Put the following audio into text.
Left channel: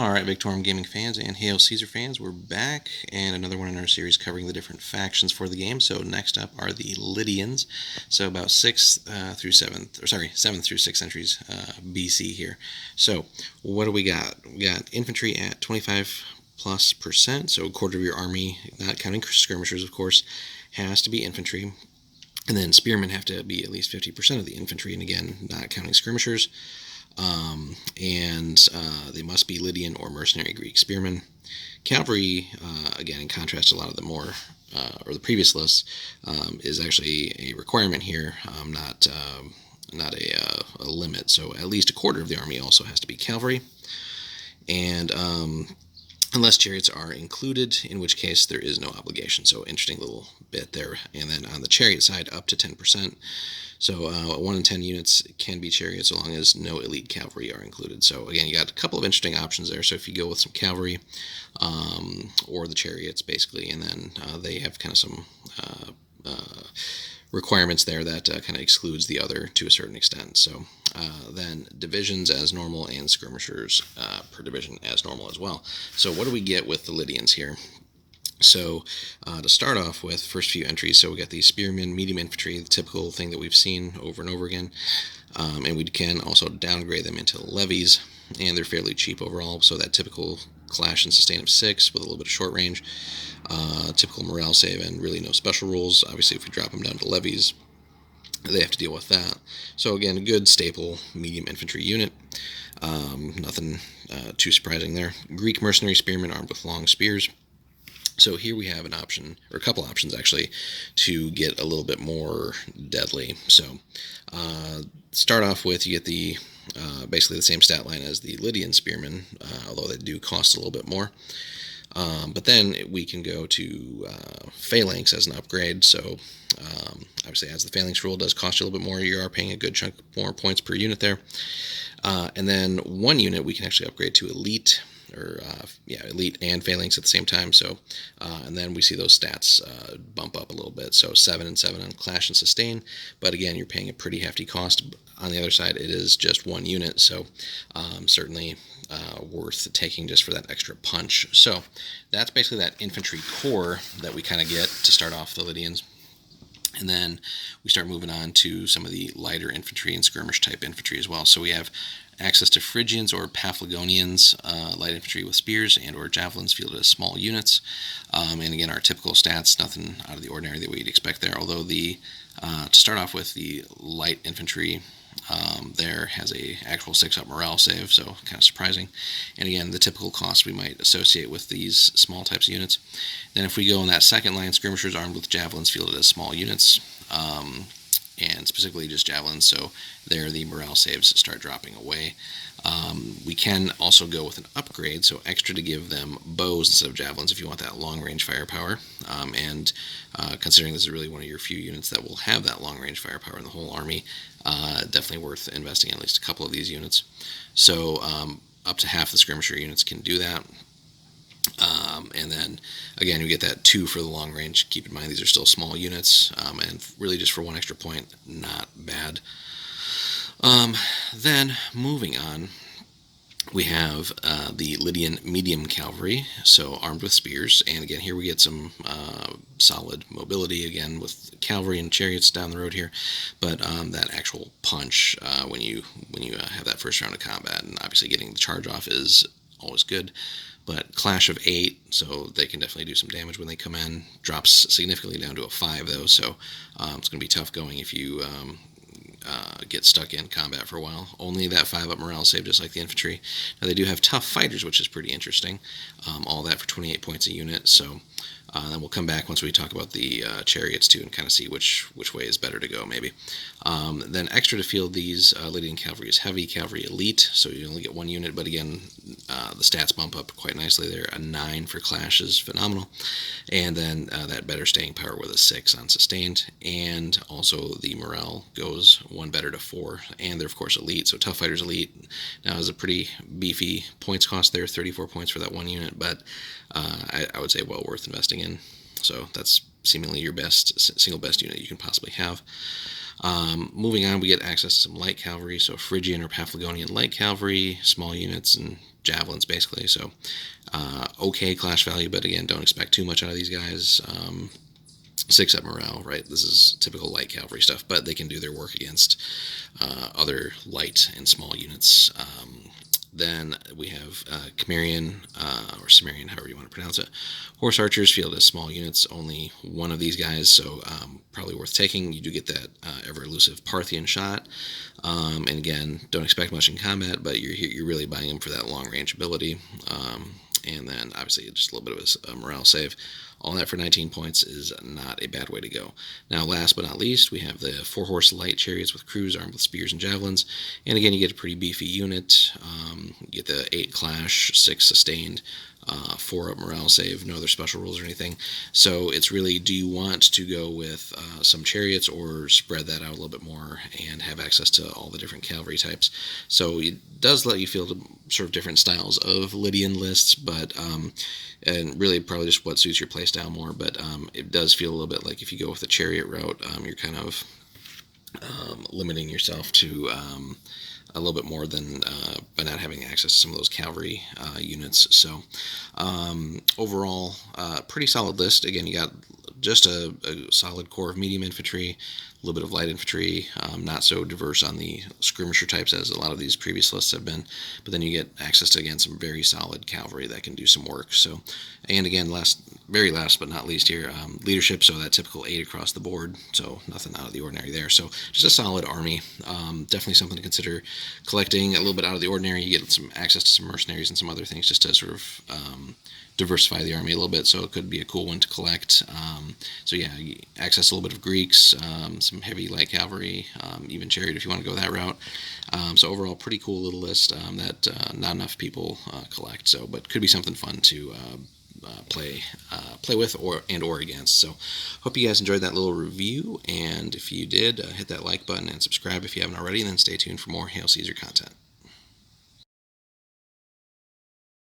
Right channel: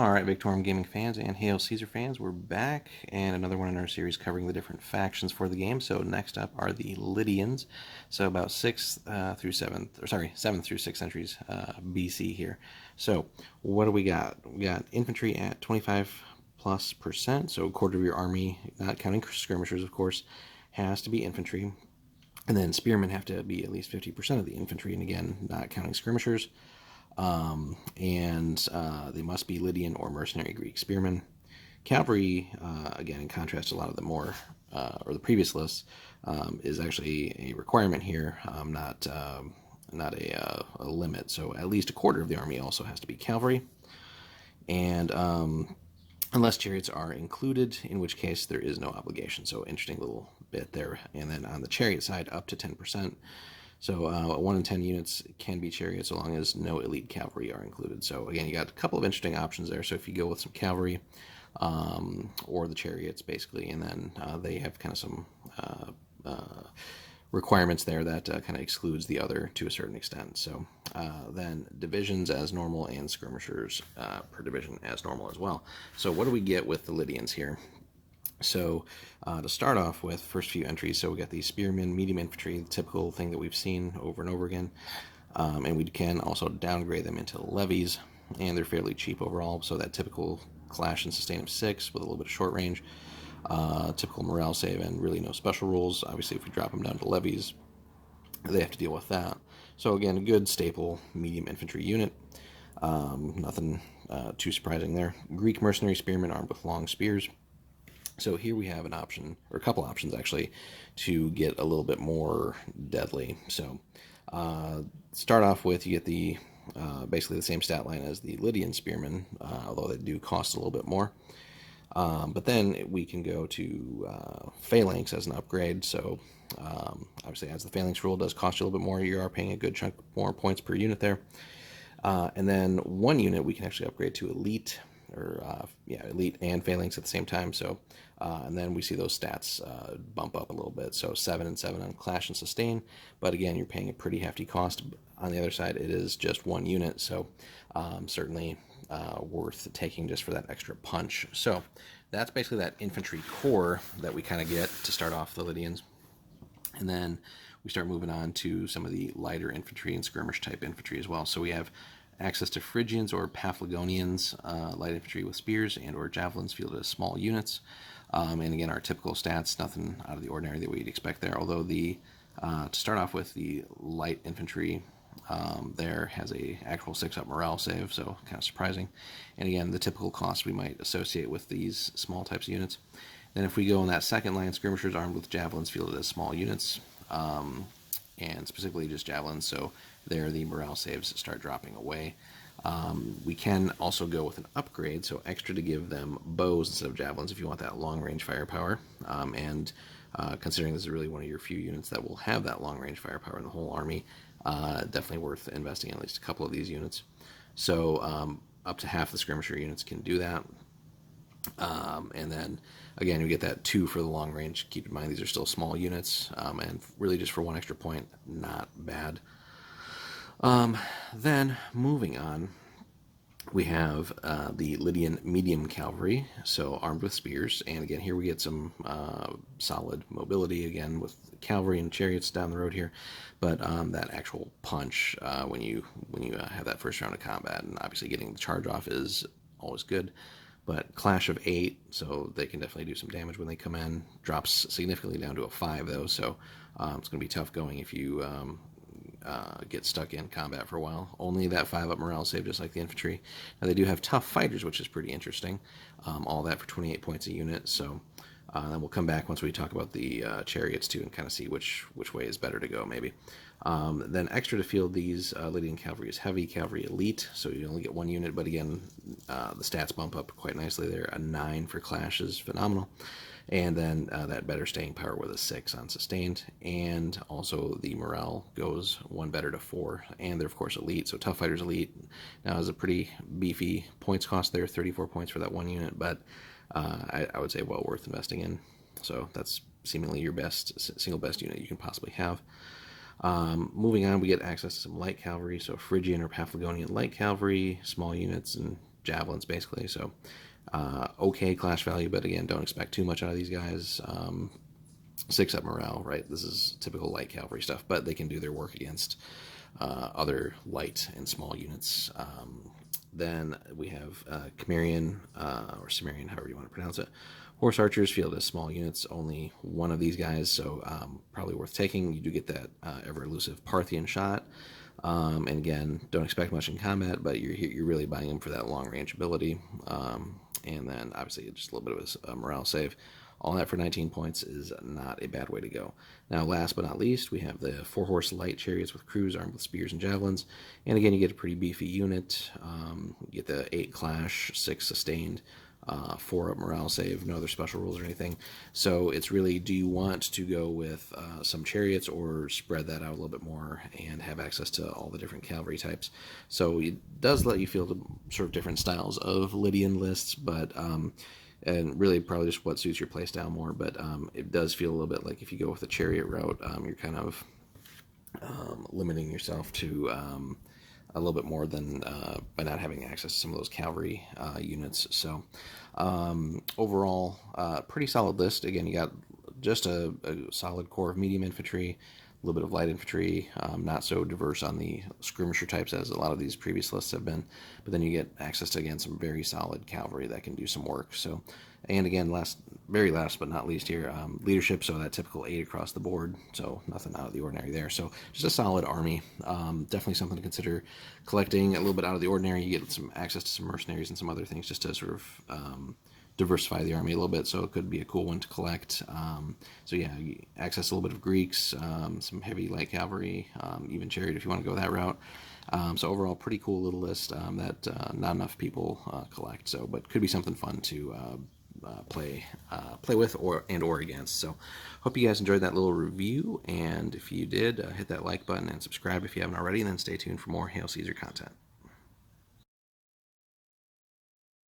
Alright, Victorum Gaming fans and Hail Caesar fans, we're back, and another one in our series covering the different factions for the game. So next up are the Lydians, so about 7th through 6th centuries BC here. So what do we got? We got infantry at 25+%, so a quarter of your army, not counting skirmishers of course, has to be infantry. And then spearmen have to be at least 50% of the infantry, and again, not counting skirmishers. They must be Lydian or mercenary Greek spearmen. Cavalry, again, in contrast to a lot of the more or the previous lists, is actually a requirement here, not a limit. So at least a quarter of the army also has to be cavalry, and unless chariots are included, in which case there is no obligation. So interesting little bit there. And then on the chariot side, up to 10%. So 1 in 10 units can be chariots so long as no elite cavalry are included. So again, you got a couple of interesting options there. So if you go with some cavalry or the chariots, basically, and then they have kind of some requirements there that kind of excludes the other to a certain extent. So then divisions as normal and skirmishers per division as normal as well. So what do we get with the Lydians here? So to start off with, first few entries, so we got the spearmen, medium infantry, the typical thing that we've seen over and over again. And we can also downgrade them into levies, and they're fairly cheap overall. So that typical clash and sustain of 6 with a little bit of short range, typical morale save, and really no special rules. Obviously, if we drop them down to levies, they have to deal with that. So again, a good staple medium infantry unit. Nothing too surprising there. Greek mercenary spearmen armed with long spears. So here we have an option, or a couple options actually, to get a little bit more deadly. So start off with, you get the basically the same stat line as the Lydian spearmen, although they do cost a little bit more. But then we can go to phalanx as an upgrade. So obviously, as the phalanx rule does cost you a little bit more, you are paying a good chunk more points per unit there. And then one unit we can actually upgrade to elite, or elite and phalanx at the same time. So and then we see those stats bump up a little bit. So 7 and 7 on clash and sustain, but again, you're paying a pretty hefty cost. On the other side, it is just one unit, so certainly worth taking just for that extra punch. So that's basically that infantry core that we kind of get to start off the Lydians. And then we start moving on to some of the lighter infantry and skirmish type infantry as well. So we have access to Phrygians or Paphlagonians, light infantry with spears and or javelins fielded as small units. And again, our typical stats, nothing out of the ordinary that we'd expect there. Although to start off with, the light infantry there has a actual 6-up morale save, so kind of surprising. And again, the typical costs we might associate with these small types of units. Then if we go in that second line, skirmishers armed with javelins fielded as small units, and specifically just javelins, so there the morale saves start dropping away. We can also go with an upgrade, so extra to give them bows instead of javelins if you want that long-range firepower. Considering this is really one of your few units that will have that long-range firepower in the whole army, definitely worth investing in at least a couple of these units. So up to half the skirmisher units can do that. And then again, you get that 2 for the long range. Keep in mind these are still small units, and really just for 1 extra point, not bad. Then moving on, we have the Lydian medium cavalry, so armed with spears, and again here we get some solid mobility again with cavalry and chariots down the road here, but that actual punch when you have that first round of combat, and obviously getting the charge off is always good. But clash of 8, so they can definitely do some damage when they come in. Drops significantly down to a 5 though, so it's going to be tough going if you get stuck in combat for a while. Only that 5-up morale save, just like the infantry. Now they do have tough fighters, which is pretty interesting. All that for 28 points a unit. So then we'll come back once we talk about the chariots too, and kind of see which way is better to go maybe. Then extra to field these Lydian cavalry is heavy cavalry elite, so you only get 1 unit, but again the stats bump up quite nicely there. A 9 for clash is phenomenal, and then that better staying power with a 6 on sustained, and also the morale goes 1 better to 4, and they're of course elite, so tough fighters elite now is a pretty beefy points cost there, 34 points for that 1 unit, but I would say well worth investing in. So that's seemingly your single best unit you can possibly have. Moving on, we get access to some light cavalry, so Phrygian or Paphlagonian light cavalry, small units, and javelins, basically. So, okay clash value, but again, don't expect too much out of these guys. 6 up morale, right? This is typical light cavalry stuff, but they can do their work against other light and small units. Then we have Cimmerian, or Cimmerian, however you want to pronounce it. Horse archers field as small units, only one of these guys, so probably worth taking. You do get that ever elusive Parthian shot. And again, don't expect much in combat, but you're really buying them for that long range ability. And then obviously just a little bit of a morale save. All that for 19 points is not a bad way to go. Now, last but not least, we have the 4-horse light chariots with crews armed with spears and javelins. And again, you get a pretty beefy unit. You get the 8 clash, 6 sustained, 4 up morale save, no other special rules or anything. So it's really, do you want to go with some chariots or spread that out a little bit more and have access to all the different cavalry types? So it does let you field sort of different styles of Lydian lists, but and really probably just what suits your playstyle more. But it does feel a little bit like if you go with the chariot route, you're kind of limiting yourself to a little bit more than by not having access to some of those cavalry units. So overall, pretty solid list. Again, you got just a solid core of medium infantry, a little bit of light infantry, not so diverse on the skirmisher types as a lot of these previous lists have been, but then you get access to, again, some very solid cavalry that can do some work. So, and again, very last but not least here, leadership, so that typical 8 across the board, so nothing out of the ordinary there. So just a solid army. Definitely something to consider collecting. A little bit out of the ordinary, you get some access to some mercenaries and some other things just to sort of diversify the army a little bit, so it could be a cool one to collect. So yeah, access a little bit of Greeks, some heavy light cavalry, even chariot if you want to go that route. So overall, pretty cool little list that not enough people collect. So, but could be something fun to play with or against. So hope you guys enjoyed that little review, and if you did, hit that like button and subscribe if you haven't already, and then stay tuned for more Hail Caesar content.